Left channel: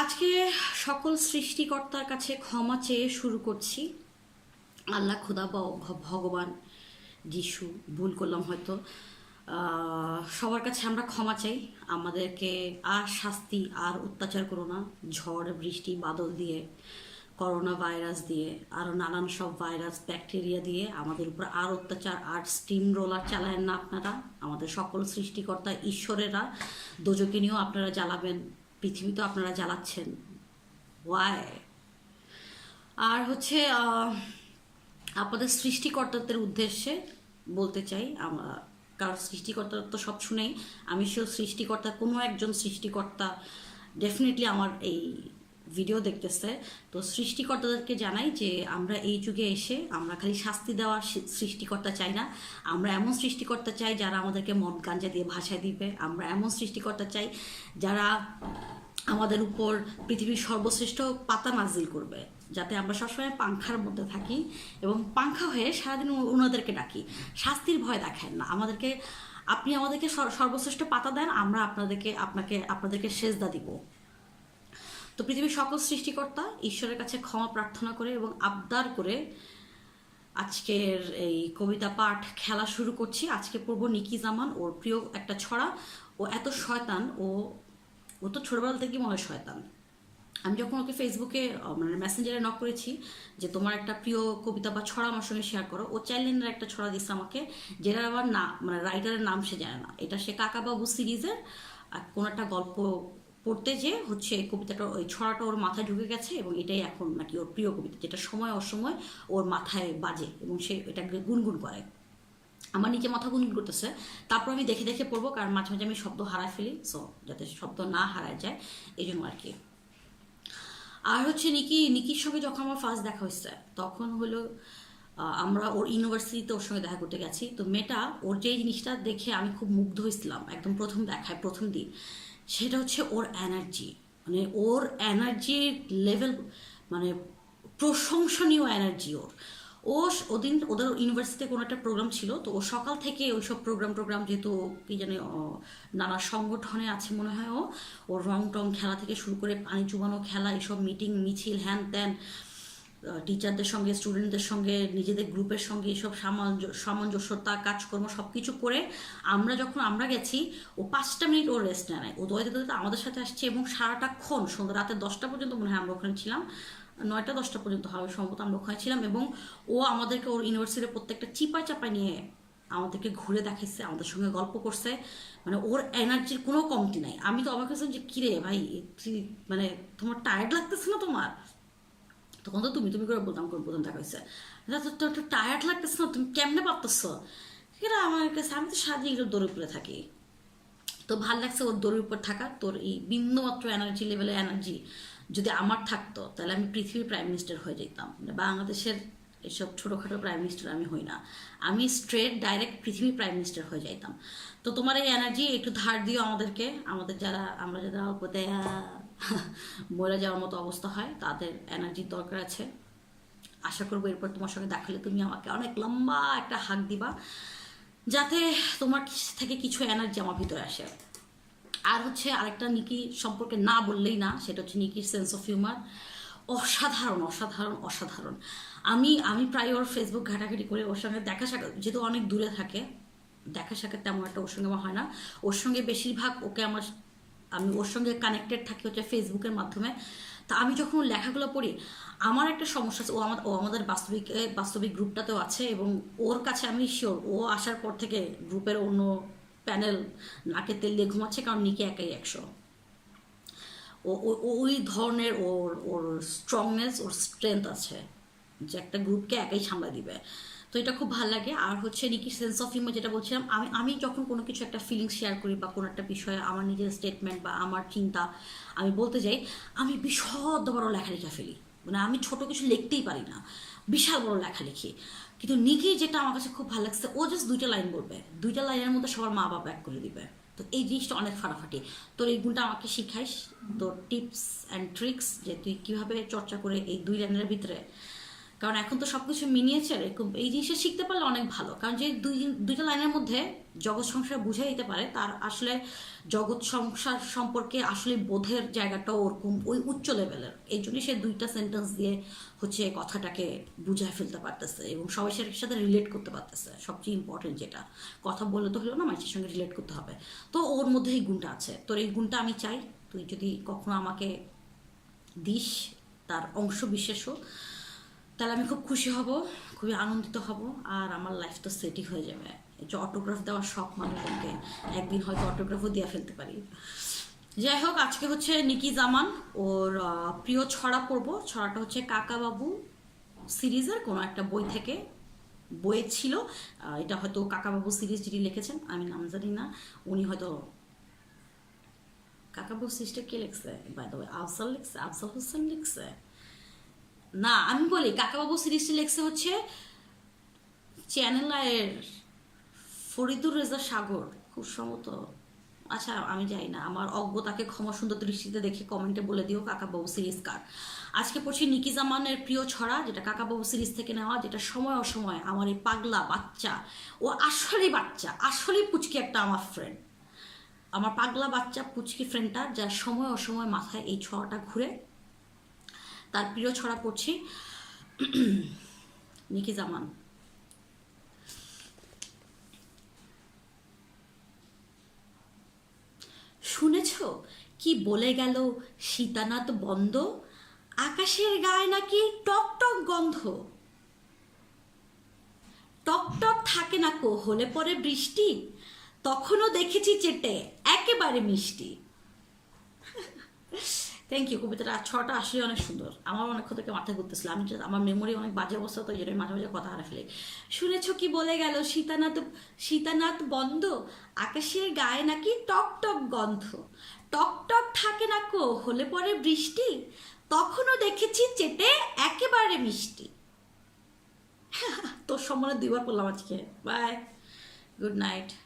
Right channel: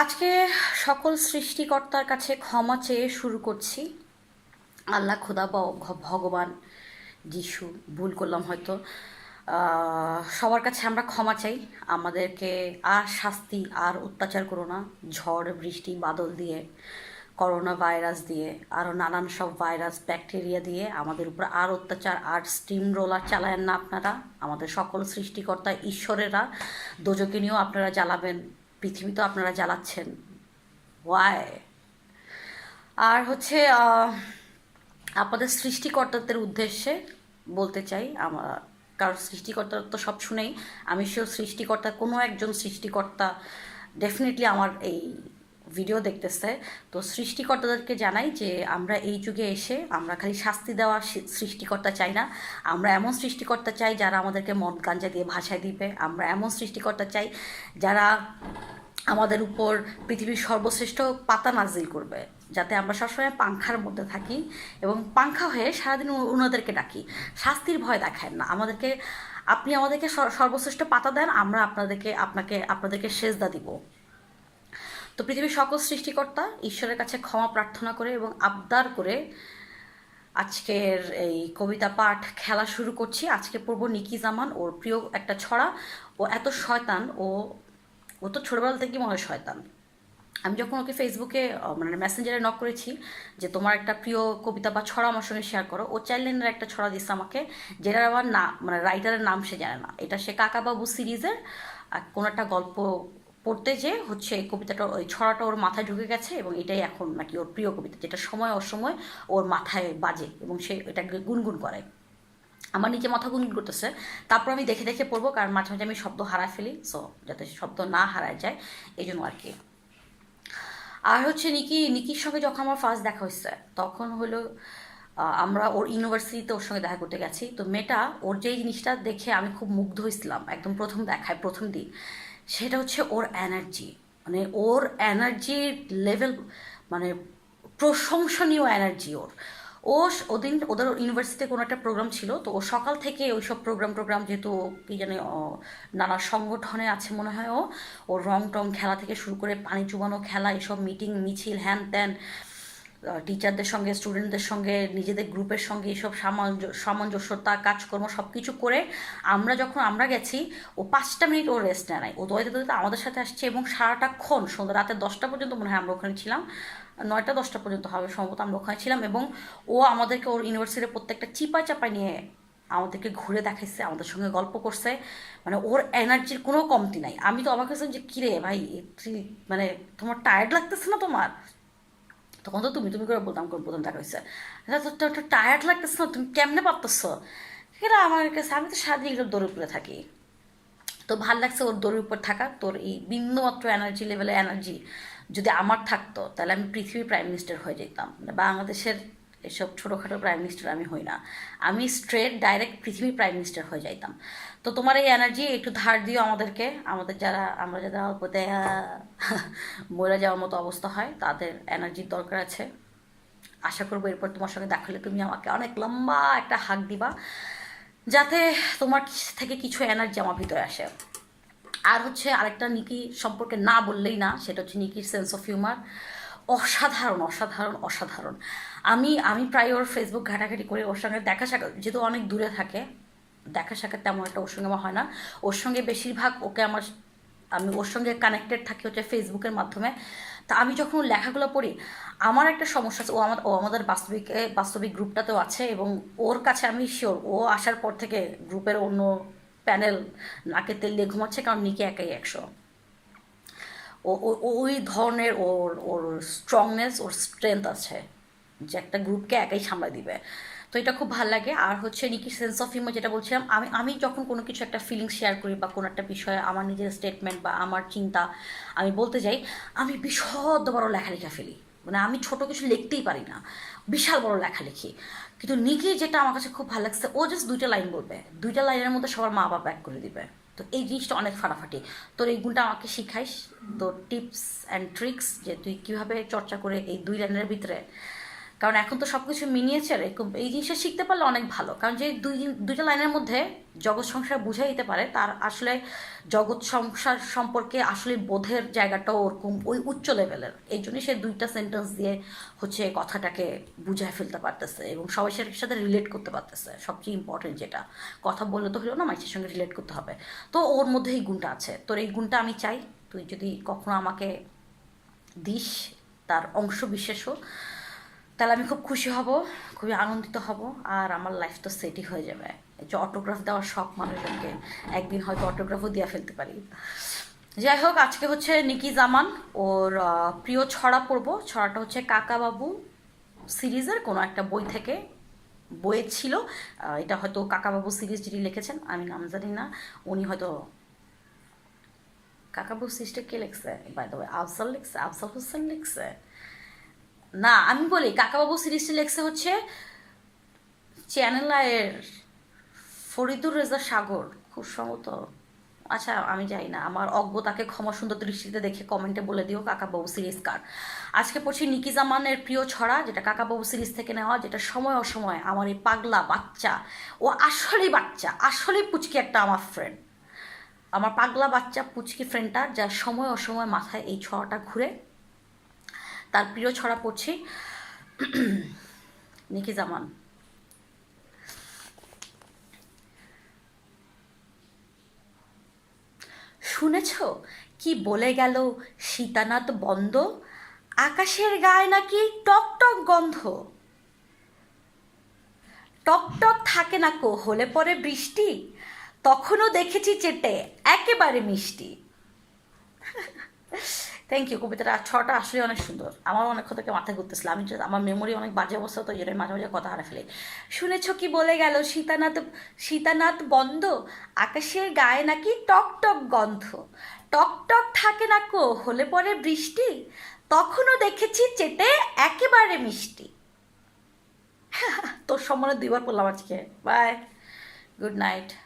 আজকে সকল সৃষ্টিকর্তার কাছে ক্ষমা চেয়ে শুরু করছি। আল্লাহ, খোদা ভগবান, যিশু, ভুল করলাম হয়তো সবার কাছে আমরা ক্ষমা চাই। আমাদেরকে আর শাস্তি, আর অত্যাচার করো না। ঝড়, বৃষ্টি, বাদল দিয়ে, করোনা ভাইরাস দিয়ে আরও নানান সব ভাইরাস, ব্যাকটেরিয়া দিয়ে আমাদের উপর আর অত্যাচার, আর স্টিম রোলার চালায়েন না আপনারা। আমাদের সকল সৃষ্টিকর্তা, ঈশ্বরেরা দোজকে নিয়েও আপনারা জ্বালাবেন। পৃথিবী তো আপনারা জ্বালাচ্ছেন। ওয়াই আর হচ্ছে আপনাদের সৃষ্টিকর্তাদের উদ্দেশ্যে বলতে চাই, আমার, কারণ সৃষ্টিকর্তা তো সব শুনেই, আমি সেও সৃষ্টিকর্তা, কোনো একজন সৃষ্টিকর্তা ডেফিনেটলি আমার এই ভিডিও দেখতেছে। তো সৃষ্টিকর্তাদেরকে জানাই যে, আমরা এই যুগে এসে, আমরা খালি শাস্তি দেওয়া সৃষ্টিকর্তা চাই না। আমরা এমন সৃষ্টিকর্তা চাই যারা আমাদেরকে মদ গাঞ্জা দিয়ে ভাষায় দিবে। আমরা এমন সৃষ্টিকর্তা চাই যারা আমাদের উপর পৃথিবীর সর্বশ্রেষ্ঠ পাতা নাজিল করবে, যাতে আমরা সবসময় পাংখার মধ্যে থাকি এবং পাংখা হয়ে সারাদিন ওনাদেরকে ডাকি। শাস্তির ভয় দেখায় না। আমাদেরকে, আপনি আমাদেরকে সর- সর্বশ্রেষ্ঠ পাতা দেন, আমরা আপনাদেরকে, আপনাকে, আপনাদেরকে সেজদা দিব। তো পৃথিবীর সকল সৃষ্টিকর্তা ঈশ্বরের কাছে ক্ষমা প্রার্থনা করে এবং আবদার করে আজকের এই কবিতা পাঠ খেলা শুরু করছি। আজকে পড়ব নিকি জামান, ওর প্রিয় একটা ছড়া ও এত শয়তান ও ও তো ছোটবেলা থেকেই মনে হয় শয়তান। আমি যখন ওকে ফেসবুকে মানে মেসেঞ্জারে নক করেছি যে তোমার একটা প্রিয় কবিতা বা ছড়া আমার সঙ্গে শেয়ার করো, ও চাইল্ড লাইনের একটা ছড়া দিচ্ছে আমাকে, যেটার আবার না মানে রাইটারের নাম সে জানে না। এটা সে কাকাবাবু সিরিজের কোনো একটা গল্প পড়তে যে হচ্ছে এই কবিতাটা, ওই ছড়াটা ওর মাথায় ঢুকে গেছে এবং এটাই এখন নাকি ওর প্রিয় কবিতা, যেটা সময় অসময় ওর মাথায় বাজে এবং সে এটাকে গুনগুন করে। আমার নিচে মাথা গুনগুন করতেছে। তারপর আমি দেখে দেখে পড়ব, কারণ মাঝে মাঝে আমি শব্দ হারায় ফেলি সো যাতে শব্দ না হারায় যায় এই জন্য আর কি। আর হচ্ছে নিকি, নিকির সঙ্গে যখন আমার ফার্স্ট দেখা হয়েছে, তখন হলো আমরা ওর ইউনিভার্সিটিতে ওর সঙ্গে দেখা করতে গেছি। তো মেয়েটা, ওর যেই জিনিসটা দেখে আমি খুব মুগ্ধ হয়েছিলাম, একদম প্রথম দেখায়, প্রথম দিন, সেটা হচ্ছে ওর এনার্জি মানে ওর এনার্জির লেভেল মানে প্রশংসনীয় এনার্জি ওর। ও ওদিন ওদের ইউনিভার্সিটিতে কোনো একটা প্রোগ্রাম ছিল, তো ও সকাল থেকে ওই সব প্রোগ্রাম টোগ্রাম যেহেতু ও কি জানে নানা সংগঠনে আছে মনে হয় ও ওর রং টং খেলা থেকে শুরু করে পানি চুবানো খেলা, এসব মিটিং মিছিল হ্যান ত্যান টিচারদের সঙ্গে স্টুডেন্টদের সঙ্গে, নিজেদের গ্রুপের সঙ্গে এসব সামঞ্জ- সামঞ্জস্যতা, কাজকর্ম সব কিছু করে আমরা যখন আমরা গেছি, ও পাঁচটা মিনিট ও রেস্ট নেয় নাই। ও দৌড়াতে দৌড়াতে আমাদের সাথে আসছে এবং সারাটাক্ষণ সন্ধ্যা রাতে দশটা পর্যন্ত মনে হয় আমরা ওখানে ছিলাম। নয়টা, দশটা পর্যন্ত হবে, সম্ভবত আমরা ওখানে ছিলাম এবং ও আমাদেরকে ওর ইউনিভার্সিটির প্রত্যেকটা চিপায় চাপায় নিয়ে আমাদেরকে ঘুরে দেখাইছে, আমাদের সঙ্গে গল্প করছে। মানে ওর এনার্জির কোনো কমতি নাই। আমি তো অবাক হয়েছিলাম যে, কিরে ভাই, তুই মানে তোমার টায়ার্ড লাগতেছে না তোমার? তখন তো তুমি তুমি করে বলতাম করে প্রথম দেখা হয়েছে তোর তো টায়ার্ড লাগতেছে না? তুমি কেমনে পারতেছ? এরা আমার কাছে, আমি তো সারাদিন এগুলো দৌড়ে উপরে থাকি। তো ভালো লাগছে ওর দৌড়ের উপর থাকা, তোর এই বিন্দুমাত্র এনার্জি লেভেলে এনার্জি যদি আমার থাকতো, তাহলে আমি পৃথিবীর প্রাইম মিনিস্টার হয়ে যেতাম। মানে বাংলাদেশের এসব ছোটোখাটো প্রাইম মিনিস্টার আমি হই না। আমি স্ট্রেট ডাইরেক্ট পৃথিবীর প্রাইম মিনিস্টার হয়ে যাইতাম। তো তোমার এই এনার্জি একটু ধার দিও আমাদেরকে। আমাদের যারা, আমরা যারা অল্প দেয়া মরে যাওয়ার মতো অবস্থা হয়, তাদের এনার্জির দরকার আছে। আশা করব এরপর তোমার সঙ্গে দেখালে তুমি আমাকে অনেক লম্বা একটা হাক দিবা। যাতে তোমার থেকে কিছু এনার্জি আমার ভিতরে আসে। আর হচ্ছে আরেকটা নিকি সম্পর্কে না বললেই না, সেটা হচ্ছে নিকির সেন্স অফ হিউমার অসাধারণ অসাধারণ অসাধারণ। আমি আমি প্রায় ওর ফেসবুক ঘাটাঘাটি করে ওর সঙ্গে দেখা সাক্ষাৎ, যেহেতু অনেক দূরে থাকে, দেখা সাক্ষাৎ তেমন একটা ওর সঙ্গে আমার হয় না। ওর সঙ্গে বেশিরভাগ ওকে আমার, আমি ওর সঙ্গে কানেক্টেড থাকি হচ্ছে ফেসবুকের মাধ্যমে। তা আমি যখন লেখাগুলো পড়ি, আমার একটা সমস্যা আছে, ও আমার ও আমাদের বাস্তবিক বাস্তবিক গ্রুপটাতেও আছে এবং ওর কাছে আমি শিওর ও আসার পর থেকে গ্রুপের অন্য প্যানেল নাকে তেল দিয়ে ঘুমাচ্ছে, কারণ নিকে একাই একশো। ও ওই ধরনের ওর ওর স্ট্রংনেস ওর স্ট্রেংথ আছে, যে একটা গ্রুপকে একাই সামলাই দিবে। তো এটা খুব ভালো লাগে। আর হচ্ছে নিকি সেন্স অফ হিউমার যেটা বলছিলাম, আমি আমি যখন কোনো কিছু একটা ফিলিংস শেয়ার করি বা কোনো একটা বিষয়ে আমার নিজের স্টেটমেন্ট বা আমার চিন্তা আমি বলতে যাই, আমি বিশদ বড় লেখালেখা ফেলি। মানে আমি ছোট কিছু লিখতেই পারি না। বিশাল বড় লেখালেখি কিন্তু নিকি যেটা আমার কাছে খুব ভালো লাগছে, ও জাস্ট দুইটা লাইন বলবে। দুইটা লাইনের মধ্যে সবার মা বাবা ব্যাক করে দিবে। তো এই জিনিসটা অনেক ফাটাফাটি। তোর এই গুণটা আমাকে শিখাইস, তোর টিপস অ্যান্ড ট্রিক্স যে তুই কীভাবে চর্চা করে এই দুই লাইনের ভিতরে কারণ এখন তো সব কিছু মিনিয়েচার এরকম এই জিনিসটা শিখতে পারলে অনেক ভালো। কারণ যে দুই দুইটা লাইনের মধ্যে জগৎ সংসার বুঝাই দিতে পারে, তার আসলে জগৎ সংসার সম্পর্কে আসলে বোধের জায়গাটাও ওরকম ওই উচ্চ লেভেলের এই জন্য সে দুইটা সেন্টেন্স দিয়ে হচ্ছে কথাটাকে বুঝায় ফেলতে পারতেছে এবং সবাই সেটার সাথে রিলেট করতে পারতেছে। সবচেয়ে ইম্পর্টেন্ট যেটা। কথা বললে তো হলো না মানুষের সঙ্গে রিলেট করতে হবে। তো ওর মধ্যে এই গুণটা আছে। তোর এই গুণটা আমি চাই, তুই যদি কখনো আমাকে দিস, তার অংশ বিশেষও তাহলে আমি খুব খুশি হব, খুবই আনন্দিত হব, আর আমার লাইফ তো সেটই হয়ে যাবে। যে অটোগ্রাফ দেওয়ার শখ মানুষজনকে, একদিন হয়তো অটোগ্রাফও দিয়ে ফেলতে পারি। যাই হোক, আজকে হচ্ছে নিকি জামান, ওর প্রিয় ছড়া পড়ব। ছড়াটা হচ্ছে কাকাবাবু সিরিজের, কোনো একটা বই থেকে, বইয়ের ছিল। এটা হয়তো কাকাবাবু সিরিজ যিনি লিখেছেন, আমি নাম জানি না। উনি হয়তো, কাকাবাবু সিরিজটা কে লিখছে? বাই দ্য ওয়ে আফজাল লিখছে আফসাল হোসেন লিখছে? না, আমি বলি, কাকাবাবু সিরিজটি লেখছে হচ্ছে চ্যানেল আয়ের ফরিদুর রেজা সাগর, খুব সম্ভবত। আচ্ছা আমি যাই না, আমার অজ্ঞতাকে ক্ষমা সুন্দর দৃষ্টিতে দেখে কমেন্টে বলে দিও, কাকাবাবু সিরিজ কার। আজকে পড়ছি নিকি জামানের প্রিয় ছড়া, যেটা কাকাবাবু সিরিজ থেকে নেওয়া, যেটা সময় অসময় আমার এই পাগলা বাচ্চা, ও আসলেই বাচ্চা, আসলেই পুচকি একটা আমার ফ্রেন্ড আমার পাগলা বাচ্চা, পুচকি ফ্রেন্ডটা যার সময় অসময় মাথায় এই ছড়াটা ঘুরে তার প্রিয় ছড়া পড়ছি নিকি জামান। শুনেছ? কি বলে গেল সীতানাথ বন্ধ আকাশের গায়ে নাকি টক টক গন্ধ? টক টক থাকে না কো, হলে পরে বৃষ্টি? তখনও দেখেছি চেটে, একেবারে মিষ্টি। থ্যাংক ইউ কবিতাটা ছটা আসলে অনেক সুন্দর। আমার অনেক থেকে মাথায় ঘুরতেছিল। আমি আমার মেমোরি অনেক বাজে অবস্থা তো যেটা মাঝে মাঝে কথা হারা ফেলি। শুনেছ কি বলে গেল? সীতানাথ সীতানাথ বন্ধ, আকাশের গায়ে নাকি টক টক গন্ধ। টক টক থাকে না কো, হলে পরে বৃষ্টি? তখনও দেখেছি চেটে একেবারে মিষ্টি। তোর সম্মানে দুইবার পড়লাম আজকে। Bye good night